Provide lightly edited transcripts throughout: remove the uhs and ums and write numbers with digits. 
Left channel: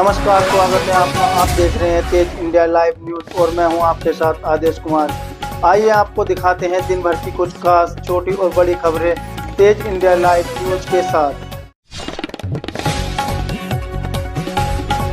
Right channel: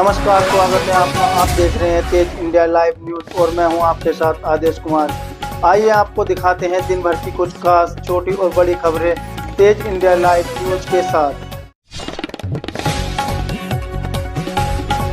नमस्कार, स्वागत है आपका। आप देख रहे हैं तेज इंडिया लाइव न्यूज और मैं हूं आपके साथ आदेश कुमार। आइए आपको दिखाते हैं दिन भर की कुछ खास छोटी और बड़ी खबरें तेज इंडिया लाइव न्यूज के साथ।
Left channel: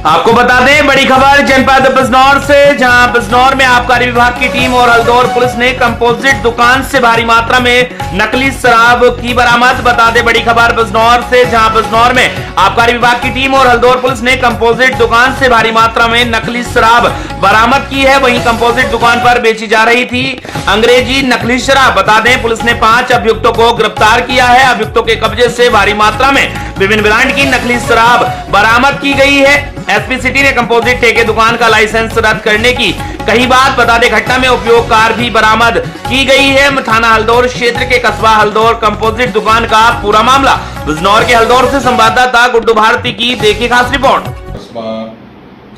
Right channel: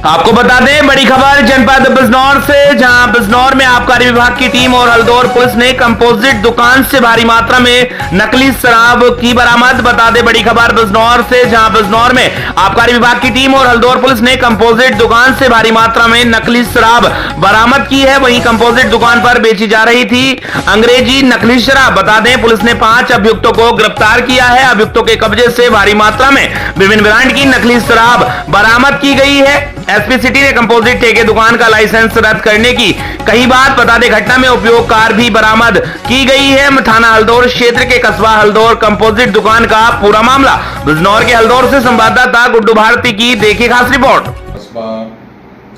आपको बता दें बड़ी खबर जनपद बिजनौर से, जहां बिजनौर में आबकारी विभाग की टीम और हल्दौर पुलिस ने कंपोजिट दुकान से भारी मात्रा में नकली शराब की बरामद। बता दें बड़ी खबर बिजनौर से, जहां बिजनौर में आबकारी विभाग की टीम और हल्दौर पुलिस ने कंपोजिट दुकान से भारी मात्रा में नकली शराब बरामद की है। वहीं कंपोजिट दुकान पर बेची जा रही थी अंग्रेजी नकली शराब। बता दें पुलिस ने 5 अभियुक्तों को गिरफ्तार किया है। अभियुक्तों के कब्जे से भारी मात्रा में विभिन्न ब्रांड की नकली शराब बरामद की गई है। एसपी सिटी ने कंपोजिट ठेके दुकान का लाइसेंस रद्द करने की कही बात। बता दें घटना में उपयोग कार भी बरामद की गई है। थाना हल्दौर क्षेत्र के कस्बा हल्दौर कंपोजिट दुकान का पूरा मामला। बिजनौर के हल्दौर से संवाददाता गुड्डू भारती की देखिए खास रिपोर्ट। कस्बा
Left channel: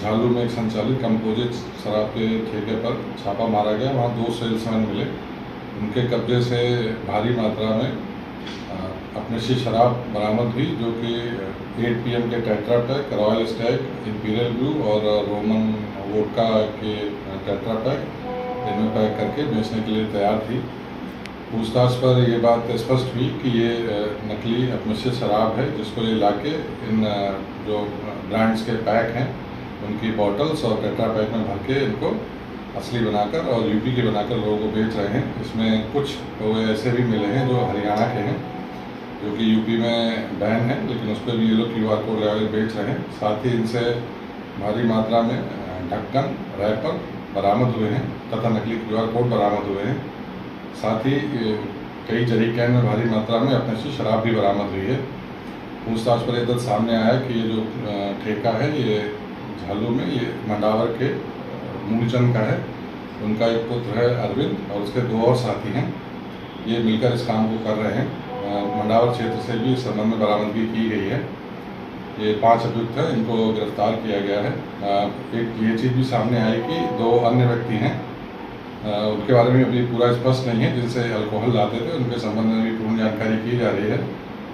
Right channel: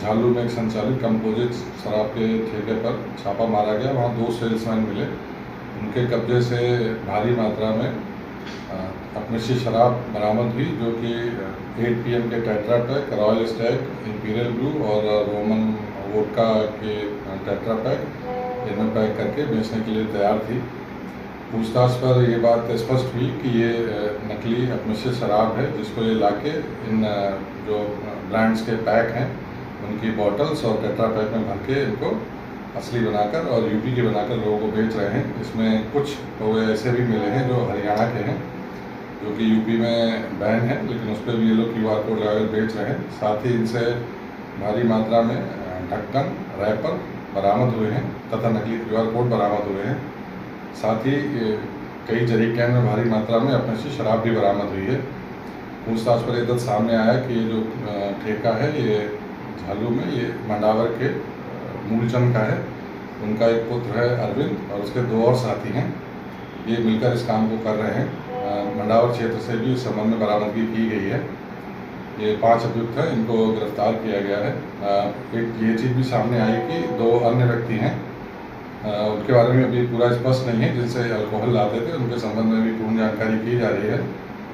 झालू में एक संचालित कंपोजिट शराब के ठेके पर छापा मारा गया। वहाँ 2 सेल्समैन मिले। उनके कब्जे से भारी मात्रा में अपने से शराब बरामद हुई, जो कि 8 PM के tetra pack, royal Stag, imperial blue और रोमन वोडका के टेट्रा पैक इनमें पैक करके बेचने के लिए तैयार थी। पूछताछ पर यह बात स्पष्ट हुई कि ये नकली अपने शराब है, जिसको ये लाके इन जो ब्रांड्स के पैक हैं उनकी बॉटल्स और टेट्रा पैक में भर के इनको असली बनाकर और यूपी के बनाकर लोगों को बेच रहे हैं। इसमें कुछ लोग ऐसे भी मिले हैं जो हरियाणा के हैं, जो कि यूपी में बैन है, लेकिन उस पर भी ये लोग QR कोड लगाकर बेच रहे हैं। साथ ही इनसे भारी मात्रा में ढक्कन, रैपर बरामद हुए हैं तथा नकली QR कोड बरामद हुए हैं। साथ ही कई जरीकैन में भारी मात्रा में अपने से शराब भी बरामद हुई है। पूछताछ पर यह तथ्य सामने आया कि ये जो ठेका है ये झालू में ये मंडावर के मूलचंद का है। उनका एक पुत्र है अरविंद और उसके 2 और साथी हैं। ये मिलकर इस काम को कर रहे हैं। मंडावर क्षेत्र से भी इस संबंध में बरामदगी की गई है। ये 5 अभियुक्त हैं, इनको गिरफ्तार किया गया है। एक ये चीज़ भी सामने आई कि 2 अन्य व्यक्ति हैं, उनके बारे में अभी पूरा स्पष्ट नहीं है, जिनसे अल्कोहल लाते थे। उनके संबंध में भी पूर्ण जानकारी की जा रही है।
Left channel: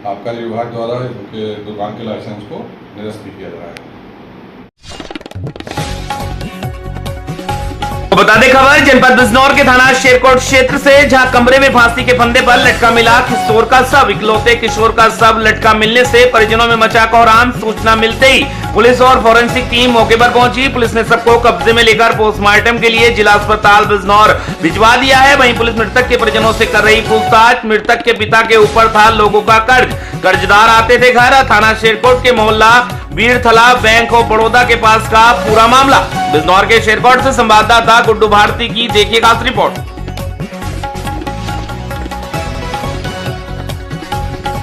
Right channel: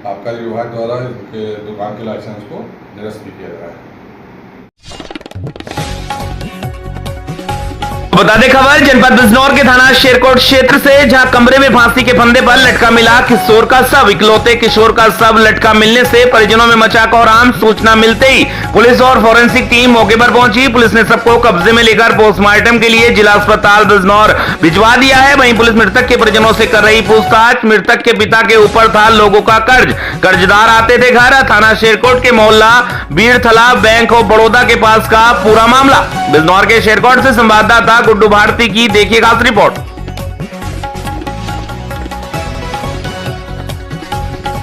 आबकारी विभाग द्वारा उनके दुकान के लाइसेंस को निरस्त भी किया जा रहा है। बता दें खबर जनपद बिजनौर के थाना शेरकोट क्षेत्र से, जहां कमरे में फांसी के फंदे पर लटका मिला किशोर का शव। इकलौते किशोर का शव लटका मिलने से परिजनों में मचा कोहराम। सूचना मिलते ही पुलिस और फोरेंसिक टीम मौके पर पहुंची। पुलिस ने सबको कब्जे में लेकर पोस्टमार्टम के लिए जिला अस्पताल बिजनौर भिजवा दिया है। वहीं पुलिस मृतक के परिजनों से कर रही पूछताछ। मृतक के पिता के ऊपर था लोगों का कर्ज, कर्जदार आते थे घर। थाना शेरकोट के मोहल्ला बीरथला बैंक ऑफ बड़ौदा के पास का पूरा मामला। बिजनौर के शेरकोट से संवाददाता गुड्डू भारती की देखिए खास रिपोर्ट।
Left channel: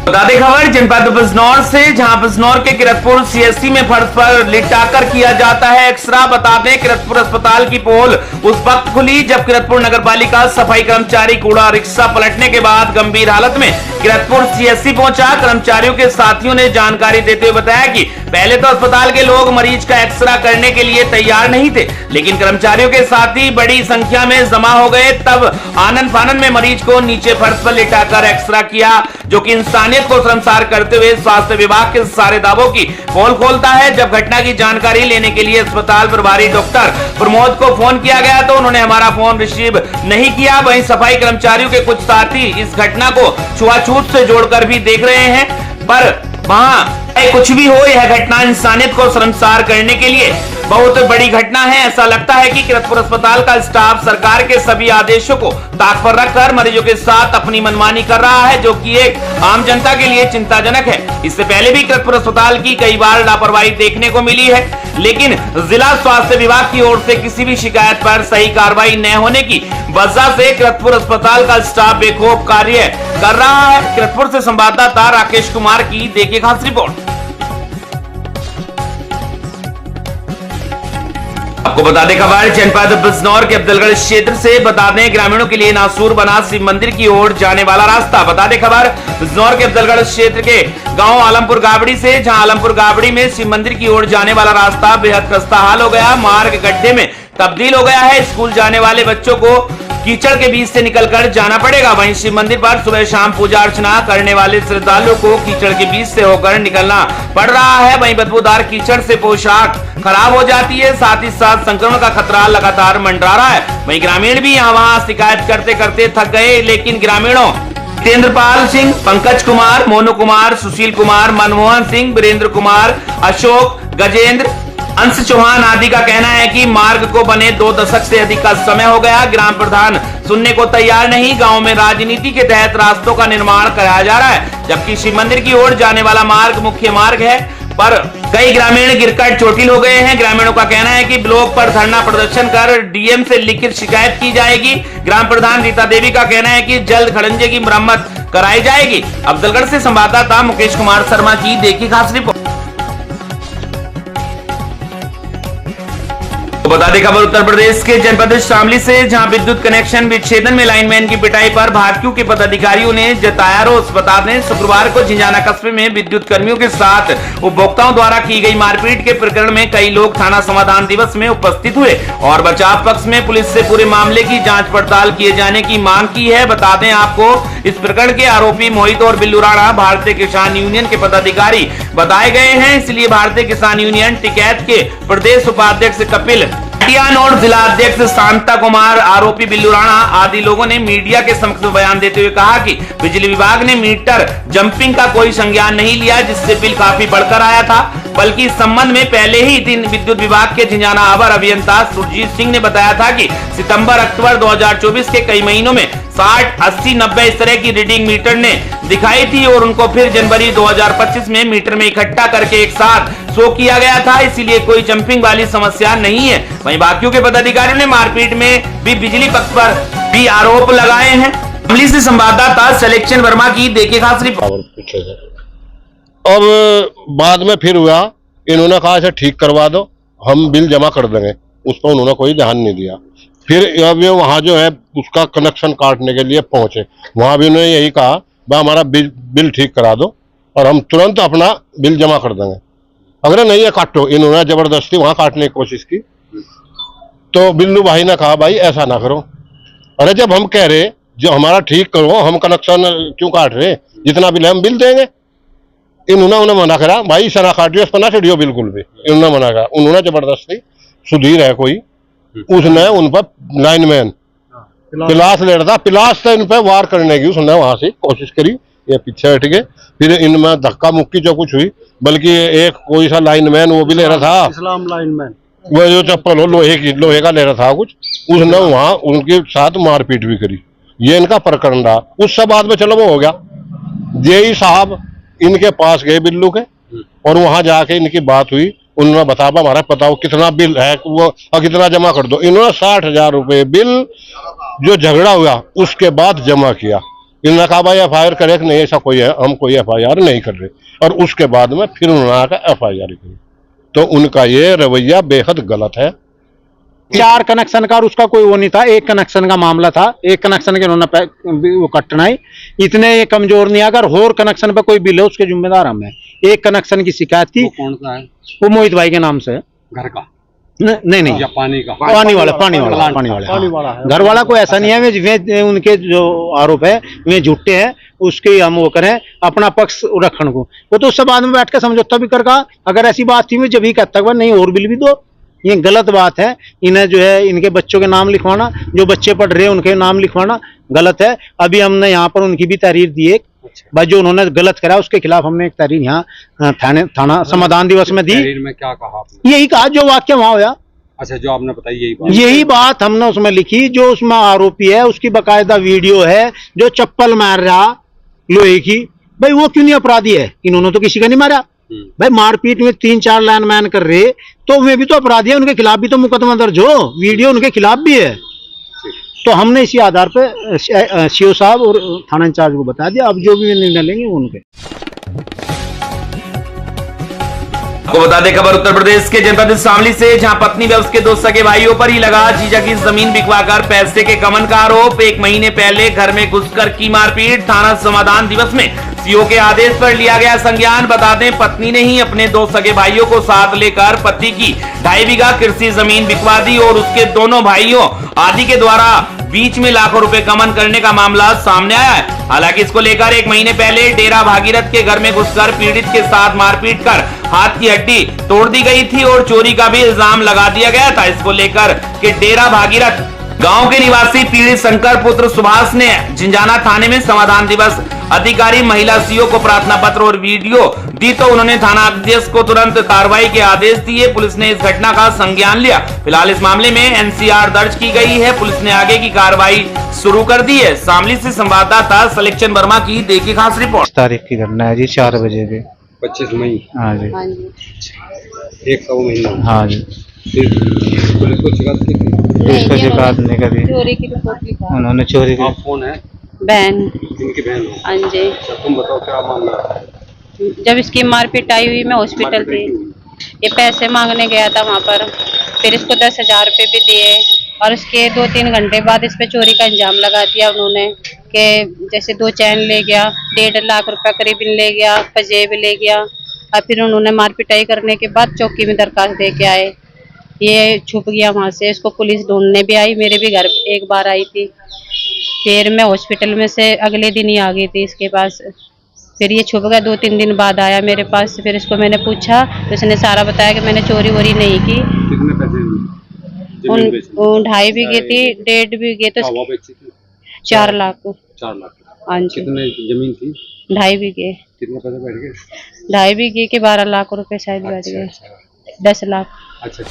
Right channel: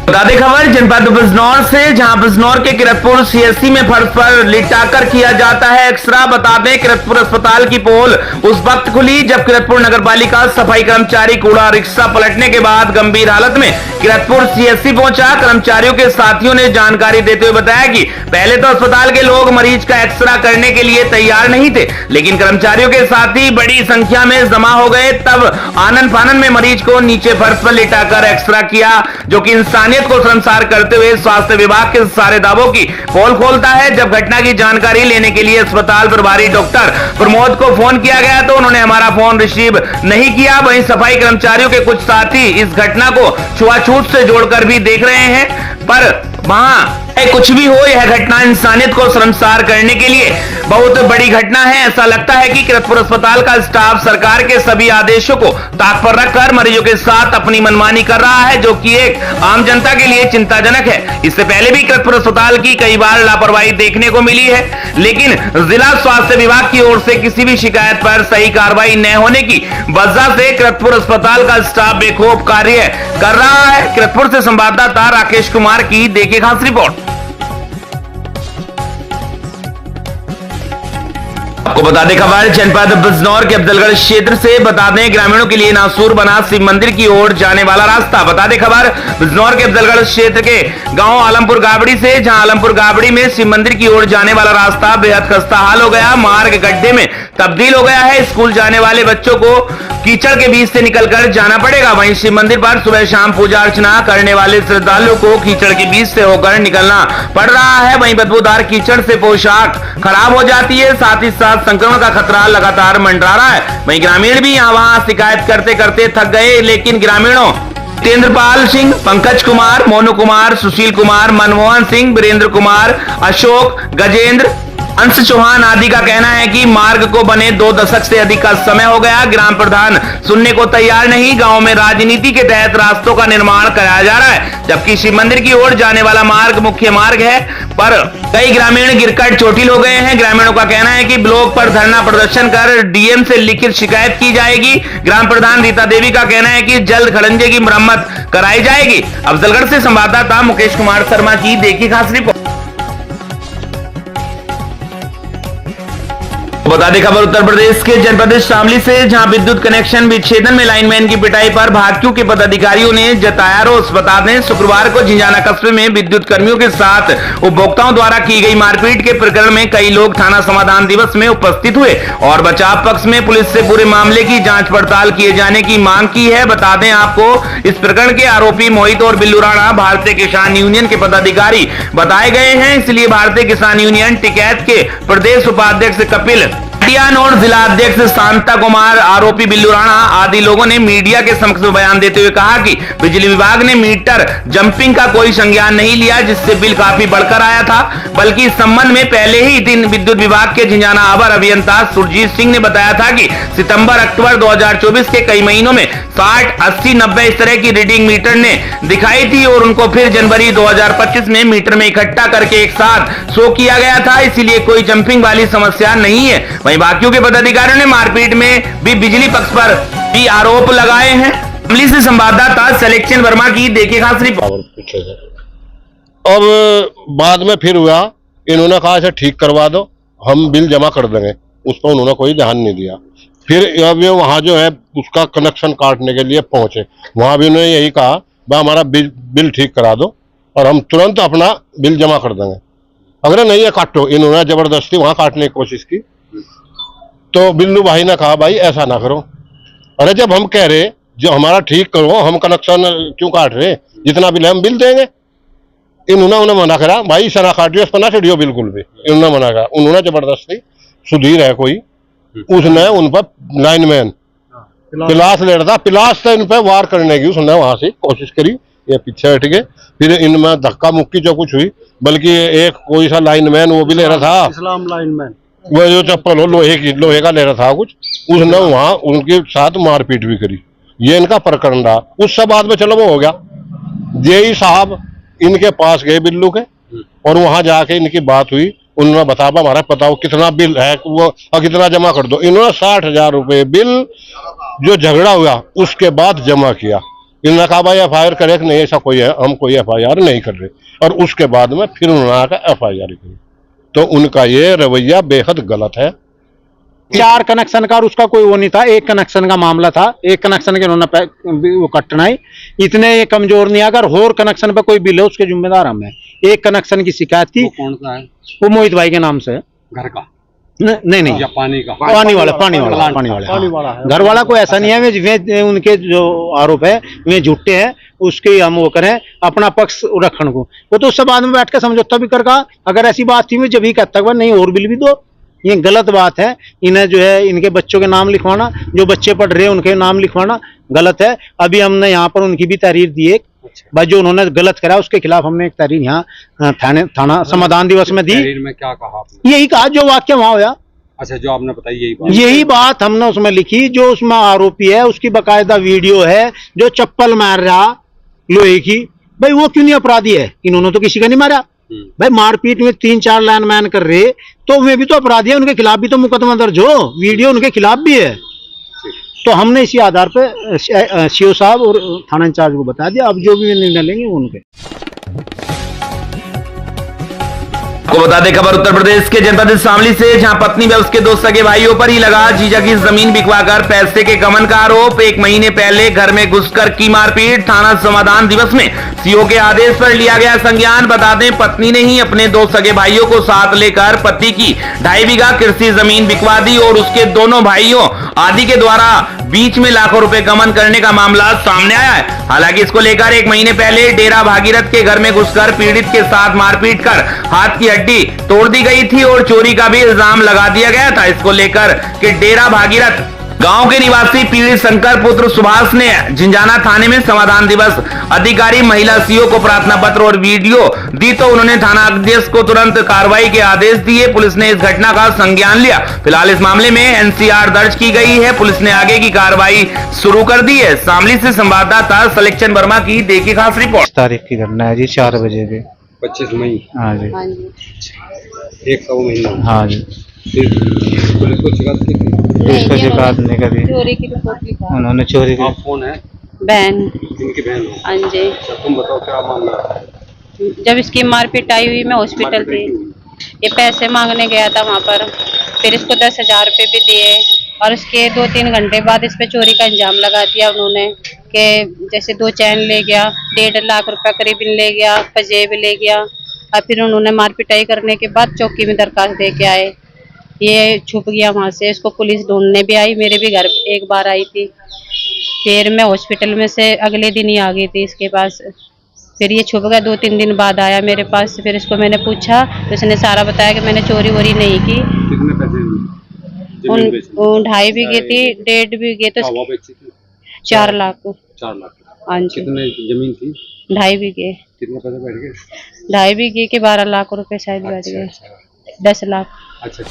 बता दें खबर जनपद बिजनौर से, जहां बिजनौर के किरतपुर CSC में फर्श पर लिटाकर किया जाता है एक्सरा। बता दें किरतपुर अस्पताल की पोल उस वक्त खुली जब किरतपुर नगरपालिका सफाई कर्मचारी कूड़ा रिक्शा पलटने के बाद गंभीर हालत में किरतपुर CSC पहुंचा। कर्मचारियों के साथियों ने जानकारी देते हुए बताया कि पहले तो अस्पताल के लोग मरीज का एक्सरा करने के लिए तैयार नहीं थे, लेकिन कर्मचारियों के साथी बड़ी संख्या में जमा हो गए। तब आनन फानन में मरीज को नीचे फर्श पर लिटाकर एक्सरा किया, जो कि इंसानियत को शर्मसार करते हुए स्वास्थ्य विभाग के सारे दावों की पोल खोलता है। जब घटना की जानकारी लेने के लिए अस्पताल प्रभारी डॉक्टर प्रमोद को फोन किया गया तो उन्होंने हमारा फोन रिसीव नहीं किया। वहीं सफाई कर्मचारियों के कुछ साथी इस घटना को छुआछूत से जोड़कर भी देख रहे हैं, पर वहां कुछ भी हो, यह घटना इंसानियत को शर्मसार करने के लिए बहुत बड़ी घटना है। ऐसा लगता है कि किरतपुर अस्पताल का स्टाफ सरकार के सभी आदेशों को ताक पर रखकर मरीजों के साथ अपनी मनमानी कर रहा है, जो कि एक आम जनता के लिए चिंताजनक है। इससे पहले भी किरतपुर अस्पताल की कई बार लापरवाही देखने को मिली है, लेकिन जिला स्वास्थ्य विभाग की ओर से किसी भी शिकायत पर सही कार्रवाई न होने की वजह से किरतपुर अस्पताल का स्टाफ बेखौफ कार्य कर रहा है। किरतपुर से संवाददाता राकेश कुमार की देखिए खास रिपोर्ट। आपको बता दें खबर जनपद बिजनौर के अफजलगढ़ क्षेत्र से। बता दें ग्रामीणों के लिए नासूर बना शिव मंदिर की ओर जाने वाला रास्ता। बता दें खबर बिजनौर के अफजलगढ़ क्षेत्र के गांव आलमपुर गाबड़ी से, जहां आलमपुर गाबड़ी में शिव मंदिर की ओर जाने वाला रास्ता बेहद खस्ता हाल हो गया। मार्ग गड्ढे में तब्दील हो गया है। स्कूल जाने वाले बच्चों को कीचड़ के बीच से निकलकर जाना पड़ेगा। वहीं शिव मंदिर पर सुबह शाम पूजा अर्चना करने वाले श्रद्धालुओं को कीचड़ के बीच से होकर निकलना पड़ रहा है। वहीं बदबूदार कीचड़ से पोशाक खराब हो जाती है, साथ ही साथ संक्रमण का खतरा लगातार मंडरा रहा है। वहीं ग्रामीण भी यहाँ वहाँ शिकायत करते करते थक गए, लेकिन ग्रामीणों तेंद्रपाल सिंह, पंकज कुमार, मोनू कुमार, सुशील कुमार, मनमोहन सिंह, वीरेंद्र कुमार, अशोक, गजेंद्र, अंश चौहान आदि का कहना है कि मार्ग को बने 2 दशक से अधिक का समय हो गया। ग्राम प्रधान सुनने को तैयार नहीं। गांव में राजनीति के तहत रास्तों का निर्माण कराया जा रहा है, जबकि शिव मंदिर की ओर जाने वाला मार्ग मुख्य मार्ग है, पर कई ग्रामीण गिरकर चोटिल हो गए हैं। ग्रामीणों का कहना है कि ब्लॉक पर धरना प्रदर्शन कर डीएम से लिखित शिकायत की जाएगी। ग्राम प्रधान रीता देवी का कहना है कि जल्द खड़ंजे की मरम्मत कराई जाएगी। अफजलगढ़ से संवाददाता मुकेश कुमार शर्मा की देखी खास रिपोर्ट। बता दें खबर उत्तर प्रदेश के जनपद शामली से, जहां विद्युत कनेक्शन विच्छेदन में लाइनमैन की पिटाई पर भाकियों के पदाधिकारियों ने जताया रोष। बता दें शुक्रवार को झिंझाना कस्बे में विद्युत कर्मियों के साथ उपभोक्ताओं द्वारा की गई मारपीट के प्रकरण में कई लोग थाना समाधान दिवस में उपस्थित हुए और बचाव पक्ष में पुलिस से पूरे मामले की जांच पड़ताल किए जाने की मांग की है। बता दें आपको इस प्रकरण के आरोपी मोहित और बिल्लू राणा भारतीय किसान यूनियन के पदाधिकारी बताए गए हैं, इसलिए भारतीय किसान यूनियन टिकैत के प्रदेश उपाध्यक्ष कपिल और जिला अध्यक्ष शांता कुमार, आरोपी बिल्लू राणा आदि लोगों ने मीडिया के समक्ष में बयान देते हुए कहा कि बिजली विभाग ने मीटर जंपिंग का कोई संज्ञान नहीं लिया, जिससे बिल काफी बढ़कर आया था। बल्कि इस संबंध में पहले ही दिन विद्युत विभाग के झिंझाना अवर अभियंता सुरजीत सिंह ने बताया था कि सितंबर अक्टूबर 2024 के कई महीनों में 60, 80, 90 इस तरह की रीडिंग मीटर ने दिखाई थी और उनको फिर जनवरी 2025 में मीटर में इकट्ठा करके एक साथ शो किया गया था, इसीलिए कोई जंपिंग वाली समस्या नहीं है। वहीं बाकियों के पदाधिकारियों ने मारपीट में भी बिजली पक्ष पर भी आरोप लगाए हैं। अमली से संवाददाता सिलेक्शन वर्मा की देखे खास रिपोर्ट। अब बाद में फिर हुआ, इन्होंने कहा इसे ठीक करवा दो, हम बिल जमा कर देंगे, उस पर उन्होंने कोई ध्यान नहीं दिया। फिर अब ये वहाँ जो है उसका कनेक्शन काटने के लिए पहुंचे, वहाँ भी उन्होंने यही कहा भाई हमारा बिल ठीक करा दो और हम तुरंत अपना बिल जमा कर देंगे। अगर नहीं है काटो, इन्होंने जबरदस्ती वहाँ काटने की कोशिश की। तो बिल्लू भाई ने कहा भाई ऐसा ना करो। अरे जब हम कह रहे जो हमारा ठीक करो, हम कनेक्शन क्यों काट रहे, जितना बिल है हम बिल देंगे। इन्होंने मना करा, भाई इसे ना काटियो, इस पर ना चढ़ियो बिल्कुल भी। इन्होंने मना करा, उन्होंने जबरदस्ती, सुधीर है कोई, उसने उन पर लाइनमैन पिलास ले रहा था, पिलास से इन पर वार करने की उसने वहां से कोशिश करी, ये पीछे हट गए। फिर इनमें धक्का मुक्की जो कुछ हुई, बल्कि एक कोई सा लाइनमैन वो भी ले रहा था, इस्लाम लाइनमैन, वो जो चप्पल हो लोहे का ले रहा था कुछ, उसने वहां उनके साथ मारपीट भी करी। ये इनका प्रकरण रहा। उससे बाद में चलो वो हो गया, जेई साहब इनके पास गए बिल्लू के और वहां जाके इनकी बात हुई। उन्होंने बताया हमारा बताओ कितना बिल है वो और कितना जमा कर दो। इन्होंने 60,000 रुपए बिल जो झगड़ा हुआ उसके बाद जमा किया। इन्होंने कहा भाई FIR करे कि नहीं, ऐसा कोई है, हम कोई FIR नहीं कर रहे। और उसके बाद में फिर उन्होंने कहा FIR करी। तो उनका ये रवैया बेहद गलत है। 4 कनेक्शन का और उसका कोई वो नहीं था, 1 कनेक्शन का मामला था। 1 कनेक्शन के उन्होंने वो कटना ही इतने ये कमजोर नहीं। अगर और कनेक्शन पे कोई बिल है उसके जिम्मेदार हम है। 1 कनेक्शन की शिकायत थी। कौन सा है? वो मोहित भाई के नाम से है। घर का? नहीं या पानी का? पानी वाला घर वाला कोई ऐसा नहीं है। वे उनके जो आरोप है वे झूठे हैं, उसके हम वो करें अपना पक्ष रखने को। वो तो उससे बाद में बैठ कर समझौता भी कर कहा, अगर ऐसी बात थी मैं जब ही कहता हुआ नहीं और बिल भी दो। ये गलत बात है। इन्हें जो है इनके बच्चों के नाम लिखवाना, जो बच्चे पढ़ रहे हैं उनके नाम लिखवाना गलत है। अभी हमने यहाँ पर उनकी भी तहरीर दी है। भाई जो उन्होंने गलत करा उसके खिलाफ हमने एक तहरीर यहाँ थाना समाधान दिवस में दी। तहरीर में क्या कहा आपने? यही कहा जो वाक्य वहां होया। अच्छा, जो आपने बताई यही बात हमने उसमें लिखी। जो उसमें आरोपी है उसकी बकायदा वीडियो है, जो चप्पल मार रहा लोहे की, भाई वो क्यों नहीं अपराधी है? इन्होंने तो किसी का नहीं मारा। भाई मारपीट में 3-4 लाइनमैन कर रहे तो वे भी तो अपराधी है, उनके खिलाफ भी तो मुकदमा दर्ज हो, वीडियो उनके खिलाफ भी है। तो हमने इसी आधार पे सीओ साहब और थाना इंचार्ज को बता दिया। अब जो भी निर्णय लेंगे वो उनके। को बता दें खबर उत्तर प्रदेश के जनपद शामली से, जहां पत्नी व उसके 2 सगे भाइयों पर ही लगा जीजा की जमीन बिकवाकर पैसे के गबन का आरोप। 1 महीने पहले घर में घुसकर की मारपीट। थाना समाधान दिवस में सीओ के आदेश पर लिया गया संज्ञान। बता दें पत्नी ने ही अपने 2 सगे भाइयों को साथ लेकर पति की 2.5 बीघा कृषि जमीन बिकवा दी और उसके दोनों भाइयों आदि के द्वारा बीच में लाखों रुपए गबन करने का मामला सामने आया है। हालांकि इसको लेकर 1 महीने पहले डेरा भागीरथ के घर में घुसकर पीड़ित के साथ मारपीट कर हाथ की हड्डी तोड़ दी गई थी और चोरी का भी इल्जाम लगा दिया गया था। इसको लेकर कि डेरा भागीरथ गांव के निवासी पीड़ित शंकर पुत्र सुभाष ने झिंझाना थाने में समाधान दिवस अधिकारी महिला सीओ को प्रार्थना पत्र और वीडियो दी तो उन्होंने थाना अध्यक्ष को तुरंत कार्रवाई के आदेश दिए। पुलिस ने इस घटना का संज्ञान लिया। फिलहाल इस मामले में एनसीआर दर्ज की गई है। पुलिस ने आगे की कार्रवाई शुरू कर दी है। शामली से संवाददाता सलेक्शन वर्मा की देखिए खास रिपोर्ट। 25 तारीख की घटना है जी, 4 बजे के। 25 मई। हाँ जी, एक सौ महीना। हाँ जी। फिर पुलिस को शिकायत की थी? इसको शिकायत नहीं करी, चोरी की रिपोर्ट लिखा। उन्होंने चोरी की। आप कौन है? बहन। इनकी बहन हो? हाँ जी। अच्छा, तुम बताओ क्या मामला है? जब इसकी मारपीट आई हुई मैं हॉस्पिटल थी, ये पैसे मांगने गया था वहाँ पर, फिर इसको 10,000 रुपये भी दिए और उसके 2-3 घंटे बाद इस पे चोरी का इल्जाम लगा दिया उन्होंने कि जैसे 2 चैन ले गया, 1.5 लाख रुपए करीब ले गया, पजेब ले गया और फिर उन्होंने मारपिटाई करने के बाद चौकी में दरखास्त दे के आए। ये छुप गया वहाँ से। इसको पुलिस ढूंढने भी आई, मेरे भी घर एक बार आई थी। फिर मैं हॉस्पिटल में से अगले दिन ही आ गई थी इसके पास। फिर ये छुप गया, 2-3 दिन बाद आया मेरे पास। फिर इसको मैंने पूछा तो इसने सारा बताया कि मैंने चोरी वोरी नहीं की। कितने पैसे? 2.5 बीघे थी, 1.5 बीघे तो 4 लाख। 4 लाख। हाँ जी। कितने जमीन थी? 2.5 बीघे। कितने पैसे बैठ गए? 2.5 बीघे के 12 लाख रुपए शायद बैठ गए। 10 लाख। अच्छा।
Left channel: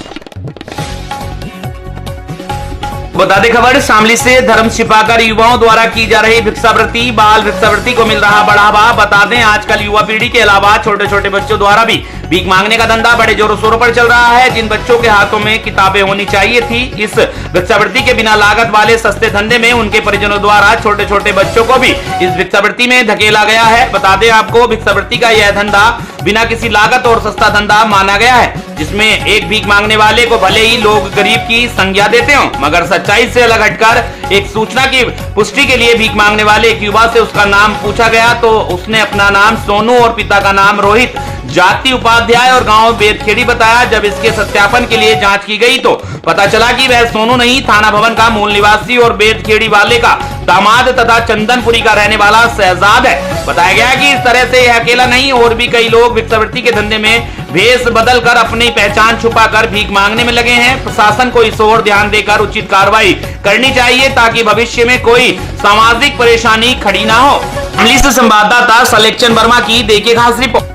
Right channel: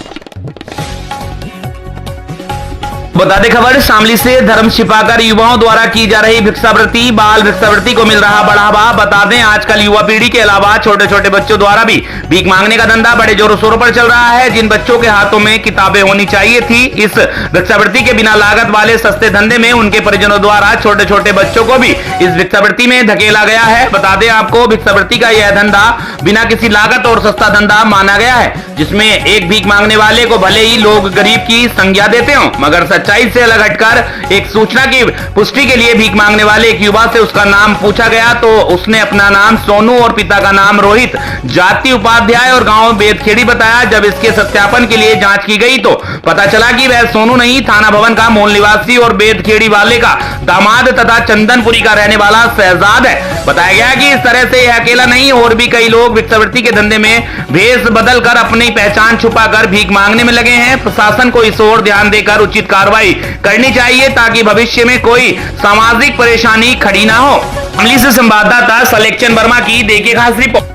बता दें खबर शामली से धर्म छिपाकर युवाओं द्वारा की जा रही भिक्षावृत्ति, बाल भिक्षावृत्ति को मिल रहा बढ़ावा। बता दें आजकल युवा पीढ़ी के अलावा छोटे छोटे बच्चों द्वारा भी भीख मांगने का धंधा बड़े जोरों शोरों पर चल रहा है। जिन बच्चों के हाथों में किताबें होनी चाहिए थी, इस भिक्षावृत्ति के बिना लागत वाले सस्ते धंधे में उनके परिजनों द्वारा छोटे छोटे बच्चों को भी इस भिक्षावृत्ति में धकेला गया है। बता दें आपको भिक्षावृत्ति का यह धंधा बिना किसी लागत और सस्ता धंधा माना गया है, जिसमें एक भीख मांगने वाले को भले ही लोग गरीब की संज्ञा देते हो, मगर सच्चाई से अलग हटकर एक सूचना की पुष्टि के लिए भीख मांगने वाले एक युवा से उसका नाम पूछा गया तो उसने अपना नाम सोनू और पिता का नाम रोहित, जाति उपाध्याय और गांव बेदखेड़ी बताया। जब इसके सत्यापन के लिए जांच की गई तो पता चला कि वह सोनू नहीं, थाना भवन का मूल निवासी और बेदखेड़ी वाले का दामाद तथा चंदनपुरी का रहने वाला शहजाद है। बताया गया कि इस तरह से यह अकेला नहीं, और भी कई लोग भिक्षावृत्ति के धंधे में भेष बदल कर अपनी पहचान छुपाकर भीख मांगने में लगे हैं। प्रशासन को इस ओर ध्यान देकर उचित कार्रवाई करनी चाहिए ताकि भविष्य में कोई सामाजिक परेशानी खड़ी ना हो। शामली से संवाददाता सलेक्शन वर्मा की देखिए खास रिपोर्ट।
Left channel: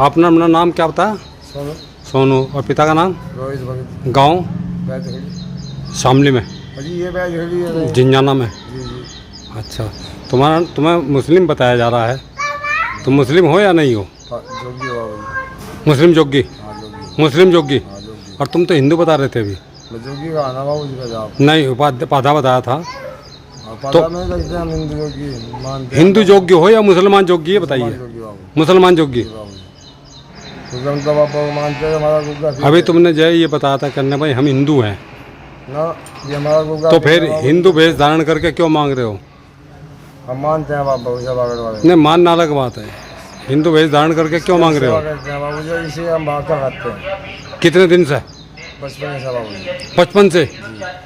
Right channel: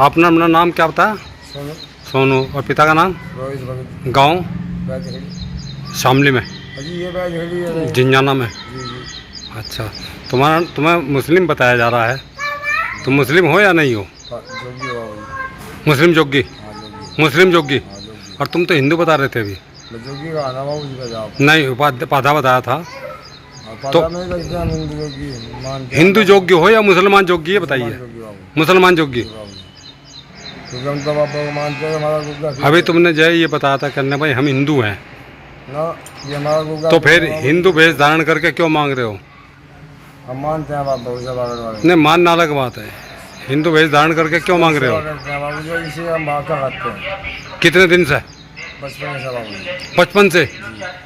आपने अपना नाम क्या बताया? सोनू। और पिता का नाम? रोहित। गांव? शामली में, झिंझाना में। अच्छा, तुम्हें मुस्लिम बताया जा रहा है, तुम मुस्लिम हो या नहीं हो? मुस्लिम जोगी। मुस्लिम जोगी। और तुम तो हिंदू बता रहे थे अभी। जोगी का आना बाबू जी का जवाब नहीं, पाधा बताया था। तो हिंदू जोगी हो या मुसलमान जोगी, ये बताइए। मुसलमान जोगी। क्योंकि हम तो बाबा को मानते हैं, हमारा गुग्गा। अभी तुमने जय ये बताया था करने भाई हम हिंदू हैं ना, ये हमारा गुग्गा। तो फिर हिंदू वेश धारण करके क्यों मांग रहे हो? हम मानते हैं बाबा को, वाले नहीं, मानना अलग बात है, हिंदू वेश धारण करके क्यों मांग रहे हो? बाबू जी इसी हम भाषा खाते हैं। कितने दिन से? बचपन से बाबू जी। 55 से?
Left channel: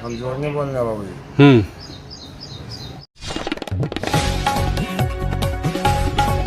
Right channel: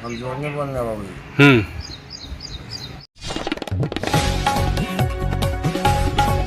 हम जोड़ने बोल रहे हैं बाबू जी।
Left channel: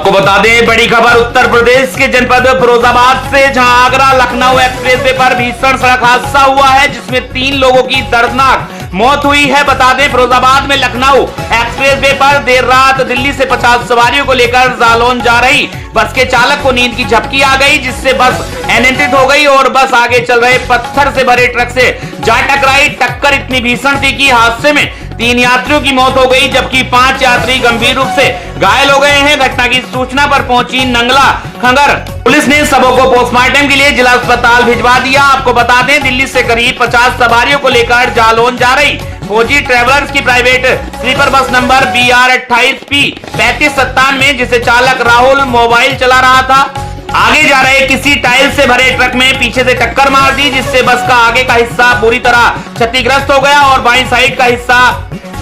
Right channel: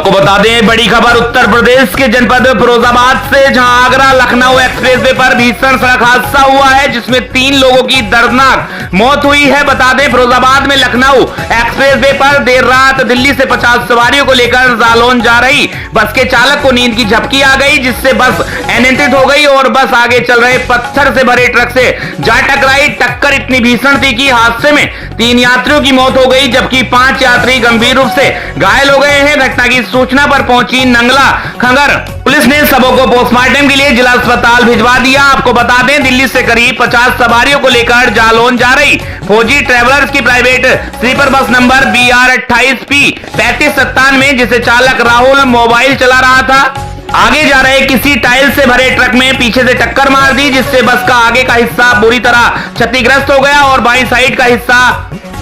आपको बता दें बड़ी खबर उत्तर प्रदेश के जनपद फिरोजाबाद से, जहां आगरा लखनऊ एक्सप्रेसवे पर भीषण सड़क हादसा हुआ है जिसमें 3 लोगों की दर्दनाक मौत हुई है। बता दें फिरोजाबाद में लखनऊ एक्सप्रेसवे पर देर रात दिल्ली से 50 सवारियों को लेकर जालौन जा रही बस के चालक को नींद की झपकी आ गई, जिससे बस अनियंत्रित हो गई और बस आगे चल रहे पत्थर से भरे ट्रक से जा टकराई। टक्कर इतनी भीषण थी कि हादसे में 3 यात्रियों की मौत हो गई जबकि 5 यात्री गंभीर रूप से घायल हो गए हैं। घटना की सूचना पर पहुंची नंगला खंगर पुलिस ने शवों को पोस्टमार्टम के लिए जिला अस्पताल भिजवा दिया। आपको बता दें दिल्ली से करीब 50 सवारियों को लेकर जालौन जा रही फौजी ट्रेवलर्स की private sleeper bus number BR 28P 3597 जिसे चालक राहुल मोबाइल चला रहा था, आगे जा रहे किसी टाइल से भरे ट्रक में पीछे से टक्कर मार दी, जिससे बस का आगे का हिस्सा बुरी तरह क्षतिग्रस्त हो गया और बाईं साइड का हिस्सा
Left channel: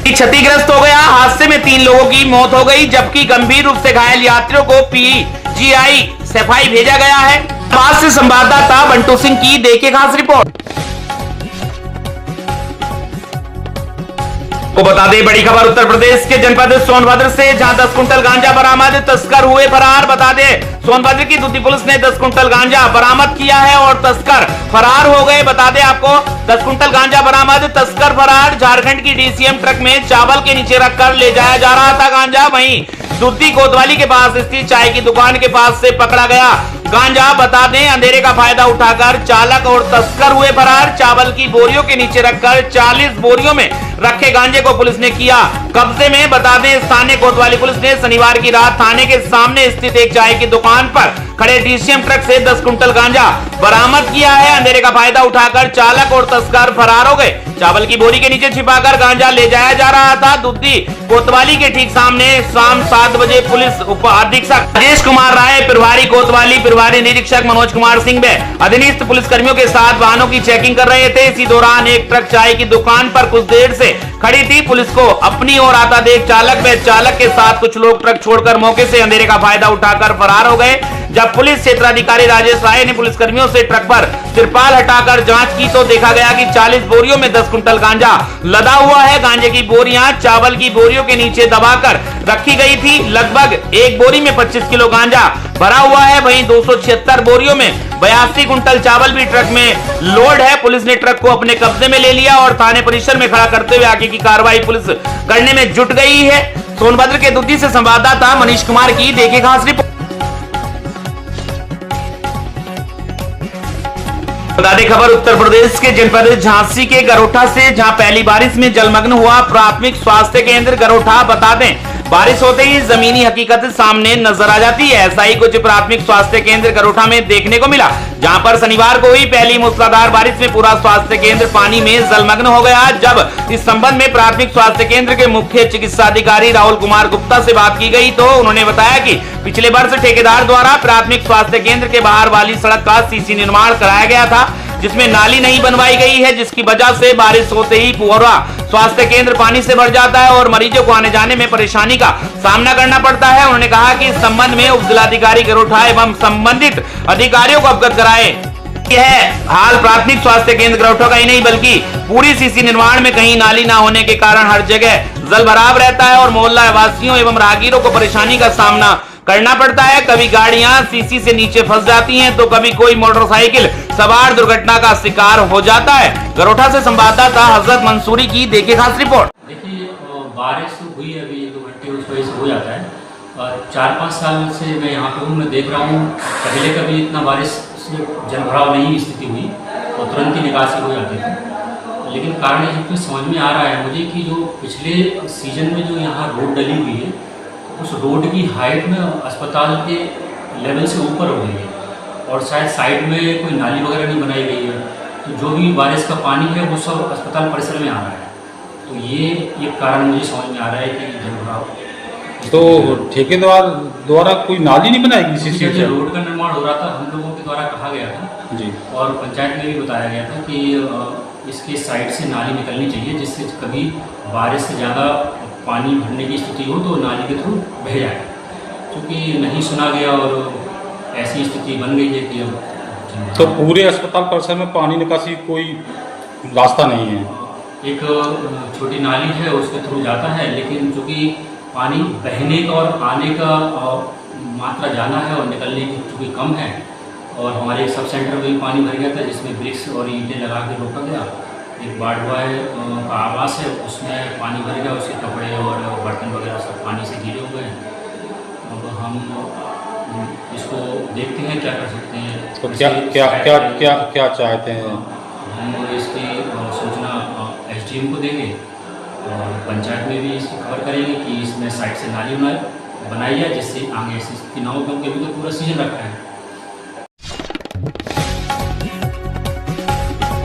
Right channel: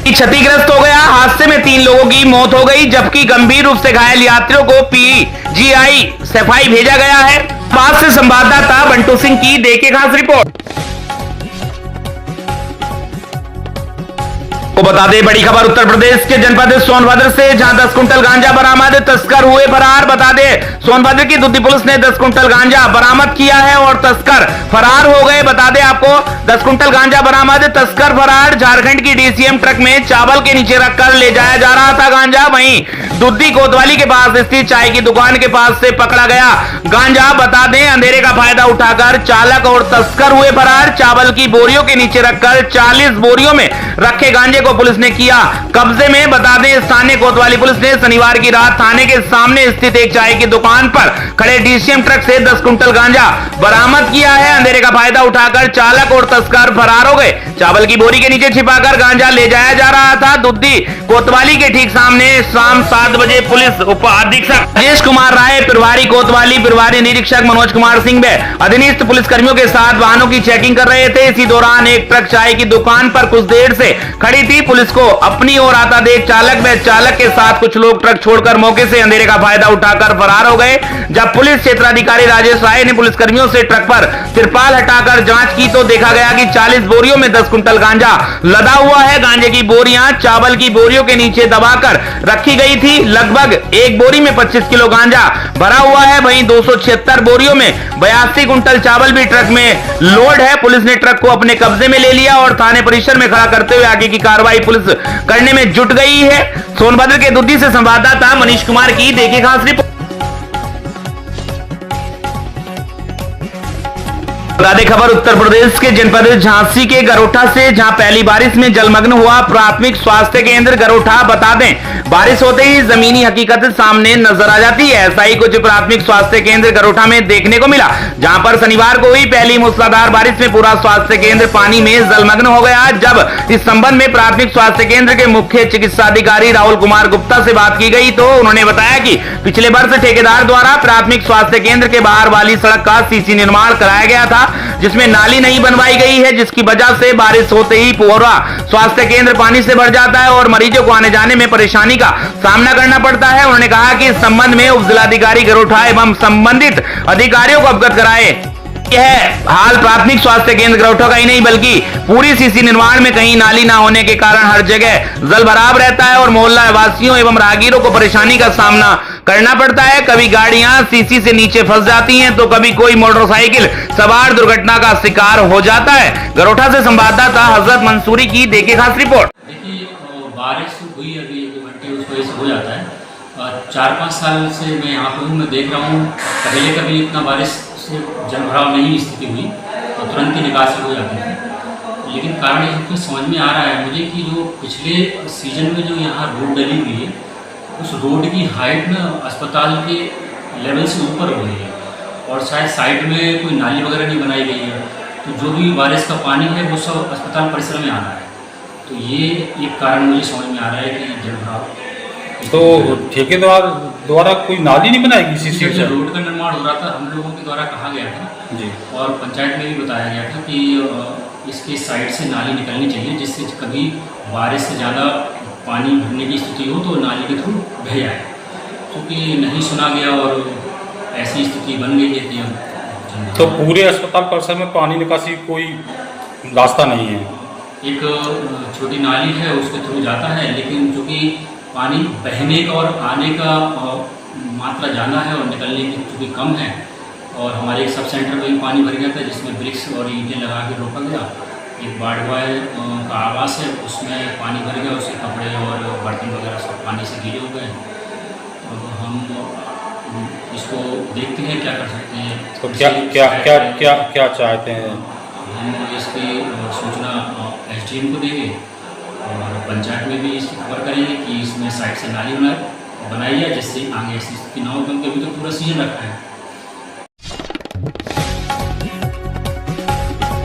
क्षतिग्रस्त हो गया। हादसे में 3 लोगों की मौत हो गई जबकि गंभीर रूप से घायल यात्रियों को PGI सफाई भेजा गया है। पास से संवाददाता बंटू सिंह की देखिए खास रिपोर्ट। को बता दें बड़ी खबर उत्तर प्रदेश के जनपद सोनभद्र से, जहां 10 कुंटल गांजा बरामद, तस्कर हुए फरार। बता दें सोनभद्र की दुद्दी पुलिस ने 10 कुंटल गांजा बरामद किया है और तस्कर फरार हो गए। बता दें आपको 10 कुंटल गांजा बरामद, तस्कर फरार। झारखंड की डीसीएम ट्रक में चावल के नीचे रखकर ले जाया जा रहा था गांजा। वहीं दुद्दी कोतवाली के पास स्थित चाय की दुकान के पास से पकड़ा गया गांजा। बता दें अंधेरे का फायदा उठाकर चालक और तस्कर हुए फरार। चावल की बोरियों के नीचे रखकर 40 बोरियों में रखे गांजे को पुलिस ने किया कब्जे में। बता दें स्थानीय कोतवाली पुलिस ने शनिवार की रात थाने के सामने स्थित एक चाय की दुकान पर खड़े डीसीएम ट्रक से 10 कुंटल गांजा बरामद किया है। अंधेरे का फायदा उठाकर चालक और तस्कर फरार हो गए। चावल की बोरी के नीचे छिपाकर गांजा ले जाया जा रहा था। दुद्दी कोतवाली के ठीक सामने शाम 7 बजे पुलिस उप अधीक्षक राजेश कुमार राय, प्रभारी कोतवाली, प्रभारी निरीक्षक मनोज कुमार सिंह व अधीनस्थ पुलिस कर्मियों के साथ वाहनों की चेकिंग कर रहे थे। इसी दौरान एक ट्रक चाय की दुकान पर कुछ देर से खड़ी थी। पुलिस को अपनी ओर आता देख चालक व चालक के साथ कुछ लोग ट्रक छोड़कर मौके से अंधेरे का फायदा उठाकर फरार हो गए। जब पुलिस क्षेत्राधिकारी राजेश राय ने पुलिस कर्मियों से ट्रक पर तिरपाल हटाकर जांच की तो देखा गया कि 40 बोरियों में 10 कुंटल गांजा लदा हुआ है। गांजे की बोरियां चावल की बोरियों के नीचे दबाकर रखी गई थी। लगभग एक बोरी में 25 किलो गांजा भरा हुआ है। वहीं 276 बोरियों में 82 कुंटल चावल भी ट्रक में लोड है। पुलिस ने ट्रक को अपने कब्जे में ले लिया और थाने परिसर में खड़ा करते हुए आगे की कार्रवाई पुलिस करने में जुट गई है। सोनभद्र के दुद्दी से संवाददाता मनीष कुमार की देखिए खास रिपोर्ट। खबर उत्तर प्रदेश के जनपद झांसी के गरोठा से, जहां पहली बारिश में जलमग्न हुआ प्राथमिक स्वास्थ्य केंद्र गरोठा। बता दें बारिश होते ही जमीनी हकीकत सामने नजर आ जाती है। ऐसा ही कुछ प्राथमिक स्वास्थ्य केंद्र गरोठा में देखने को मिला, जहां पर शनिवार को हुई पहली मूसलाधार बारिश में पूरा स्वास्थ्य केंद्र पानी में जलमग्न हो गया। जब इस संबंध में प्राथमिक स्वास्थ्य केंद्र के मुख्य चिकित्सा अधिकारी राहुल कुमार गुप्ता से बात की गई तो उन्होंने बताया कि पिछले वर्ष ठेकेदार द्वारा प्राथमिक स्वास्थ्य केंद्र के बाहर वाली सड़क का सीसी निर्माण कराया गया था, जिसमें नाली नहीं बनवाई गई है, जिसकी वजह से बारिश होते ही पूरा स्वास्थ्य केंद्र पानी से भर जाता है और मरीजों को आने जाने में परेशानी का सामना करना पड़ता है। उन्होंने कहा कि इस संबंध में उप जिलाधिकारी गरोठा एवं संबंधित अधिकारियों को अवगत कराए। यह हाल प्राथमिक स्वास्थ्य केंद्र गरोठा का ही नहीं बल्कि पूरी सीसी निर्माण में कहीं नाली ना होने के कारण हर जगह जल भराव रहता है और मोहल्ला वासियों एवं राहगीरों को परेशानी का सामना करना पड़ता है। कभी गाड़ियां सीसी से नीचे फंस जाती हैं तो कभी कोई मोटरसाइकिल सवार दुर्घटना का शिकार हो जाता है। गरोठा से संवाददाता हजरत मंसूरी की देखिए खास रिपोर्ट। देखिए बारिश हुई अभी 1-2 घंटे उस वजह से हो जाता है और 4-5 साल से मैं यहाँ पे हूँ, मैं देख रहा हूँ पहले कभी इतना बारिश से जल भराव नहीं स्थिति हुई और तुरंत ही निकासी हो जाती थी। लेकिन कारण ये कुछ समझ में आ रहा है मुझे कि जो पिछले सीजन में जो यहाँ रोड डली हुई है उस रोड की हाइट ना अस्पताल के लेवल से ऊपर हो गई है और शायद साइड में कोई नाली वगैरह नहीं बनाई गई है, तो जो भी बारिश का पानी है वो सब अस्पताल परिसर में आ रहा है। तो ये एक कारण मुझे समझ में आ रहा है कि जल भराव। तो ठेकेदार द्वारा कोई नाली नहीं बनाएगी इसी से? रोड का निर्माण हो रहा था, हम लोगों के द्वारा कहा गया था जी और पंचायत में भी बताया गया था कि इसके साइड से नाली निकलनी चाहिए जिससे कभी बारिश से ज़्यादा पानी भरने की स्थिति हो तो नाली के थ्रू बह जाए, क्योंकि नहीं सुना गया और ऐसी स्थिति बन गई है कि अब तो पूरे अस्पताल परिसर में पानी निकासी कोई रास्ता नहीं है। एक छोटी नाली है उसके थ्रू जाता है, लेकिन चूँकि पानी बहने का और आने का मात्रा ज़्यादा है और निकलने की चूँकि कम है और हमारे एक सब सेंटर में भी पानी भर गया था जिसमें ब्रिक्स और ईंटें लगा के रोका गया। एक बाढ़ का आवास है उसमें पानी भर गया, उसके कपड़े और बर्तन वगैरह सब पानी से गीले हो गए। अब हम इसको देखते हैं क्या कर सकते हैं। तो क्या चाहते हैं? हम इसकी सूचना SDM को देंगे और पंचायत में भी इसकी खबर करेंगे कि इसमें साइड से नाली बनाई है जिससे आगे ऐसी स्थिति ना हो, क्योंकि अभी तो पूरा सीजन रखा है।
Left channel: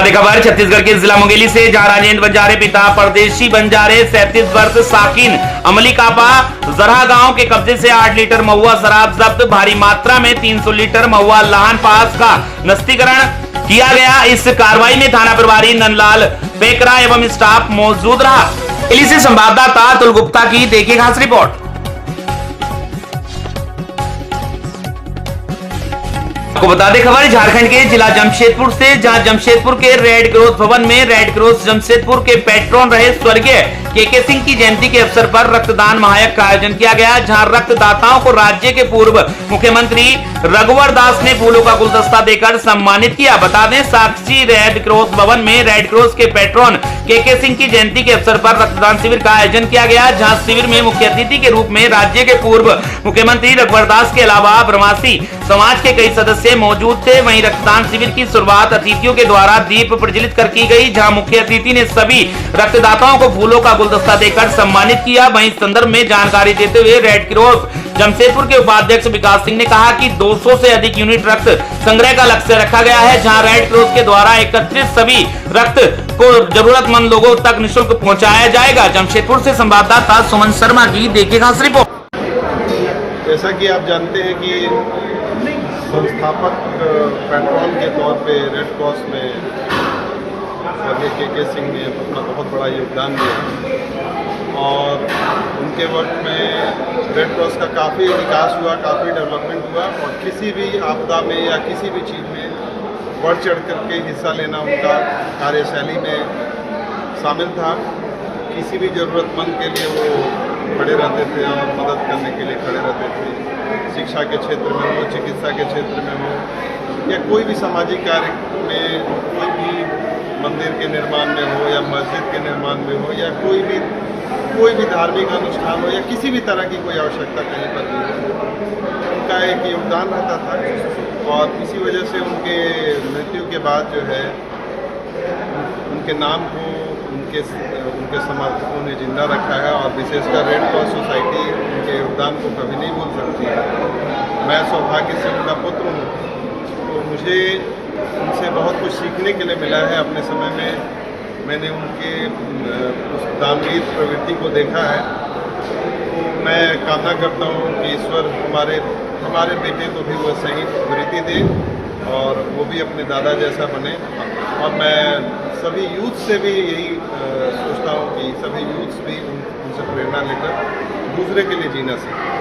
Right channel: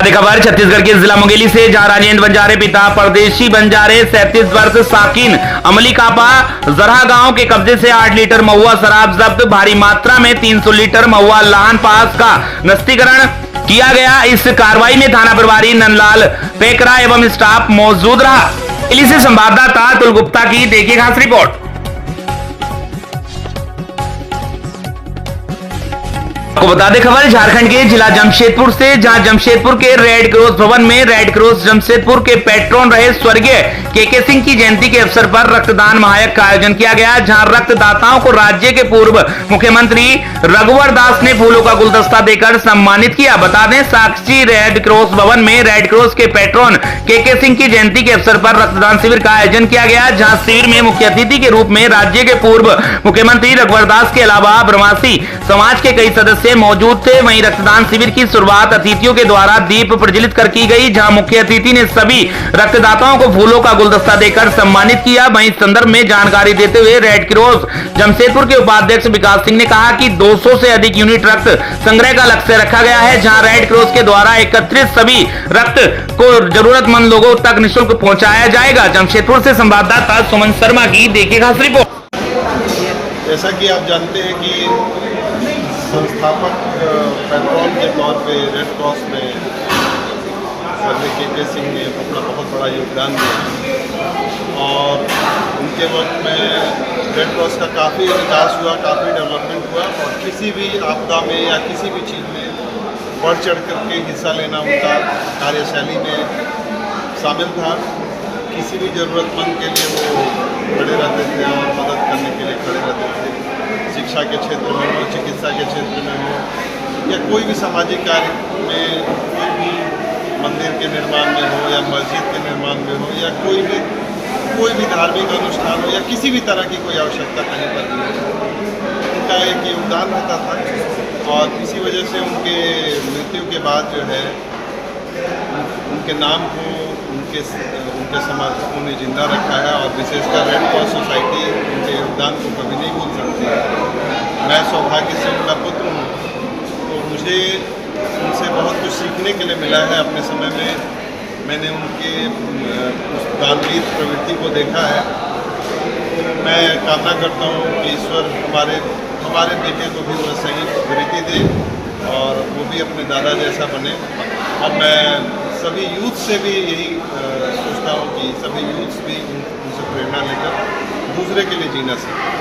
खबर छत्तीसगढ़ के जिला मुंगेली से, जहां राजेंद्र बंजारे पिता परदेशी बंजारे 37 वर्ष साकिन अमली कापा जरहा गांव के कब्जे से 8 लीटर महुआ शराब जब्त, भारी मात्रा में 300 लीटर महुआ लाहन पास का नस्तीकरण किया गया। इस कार्रवाई में थाना प्रभारी नंदलाल पेकरा एवं स्टाफ मौजूद रहा। दिल्ली से संवाददाता अतुल गुप्ता की देखिए खास रिपोर्ट। आपको बता दें खबर झारखंड के जिला जमशेदपुर से, जहां जमशेदपुर के रेड क्रॉस भवन में रेड क्रॉस जमशेदपुर के पैट्रॉन रहे स्वर्गीय केके सिंह की जयंती के अवसर पर रक्तदान महायज्ञ का आयोजन किया गया, जहां रक्तदाताओं को राज्य के पूर्व मुख्यमंत्री रघुवर दास ने फूलों का गुलदस्ता देकर सम्मानित किया। बता दें, साक्षी रेड क्रॉस भवन में रेड क्रॉस के पैट्रन केके सिंह की जयंती के अवसर पर रक्तदान शिविर का आयोजन किया गया, जहां शिविर में मुख्य अतिथि के रूप में राज्य के पूर्व मुख्यमंत्री रघुवर दास के अलावा ब्रह्मसी समाज के कई सदस्य मौजूद थे। वहीं रक्तदान शिविर की शुरुआत अतिथियों के द्वारा दीप प्रज्वलित कर की गई, जहां मुख्य अतिथि ने सभी रक्तदाताओं को फूलों का गुलदस्ता देकर सम्मानित किया। वहीं इस संदर्भ में जानकारी देते हुए रेड क्रॉस जमशेदपुर के उपाध्यक्ष विकास सिंह ने कहा कि 200 से अधिक यूनिट रक्त संग्रह का लक्ष्य रखा गया है, जहां रेड क्रॉस के द्वारा एकत्रित सभी रक्त को जरूरतमंद लोगों तक निःशुल्क पहुंचाया जाएगा। जमशेदपुर से संवाददाता सुमन शर्मा की देखिए खास रिपोर्ट। जैसा कि आप जानते हैं कि संस्थापक पैट्रॉन के तौर पे रेड क्रॉस में केके सिंह ने अपना बहुत बड़ा योगदान दिया और उनके वक्त में रेड क्रॉस का काफ़ी विकास हुआ, काफ़ी डेवलपमेंट हुआ और किसी भी आपदा में या किसी भी चीज़ में बढ़ चढ़ करके हिस्सा लेना उनका कार्यशैली में शामिल था। किसी भी ज़रूरतमंद के लिए वो खड़े रहते थे और मदद करने के लिए खड़े रहते थे। शिक्षा के क्षेत्र में हो, चिकित्सा के क्षेत्र में हो या कोई भी सामाजिक कार्य में, कोई भी मंदिर के निर्माण में हो या मस्जिद के निर्माण में हो या कोई भी धार्मिक अनुष्ठान हो या किसी भी तरह की कोई आवश्यकता कहीं पर भी हो, उनका एक योगदान रहता था। और इसी वजह से उनके मृत्यु के बाद जो है उनके नाम को उनके समर्थकों ने जिंदा रखा है और विशेषकर रेड क्रॉस सोसाइटी उनके योगदान को कभी नहीं भूल सकती है। मैं सौभाग्य से उनका पुत्र हूँ, तो मुझे उनसे बहुत कुछ सीखने के लिए मिला है। अपने समय में मैंने उनके उस दानवीर प्रवृत्ति को देखा है, तो मैं कामना करता हूँ कि ईश्वर हमारे बेटे को भी वह सही वृत्ति दे और वो भी अपने दादा जैसा बने। और मैं सभी यूथ से भी यही सोचता हूँ कि सभी यूथ्स भी उनसे प्रेरणा लेकर दूसरे के लिए जीना सीखें।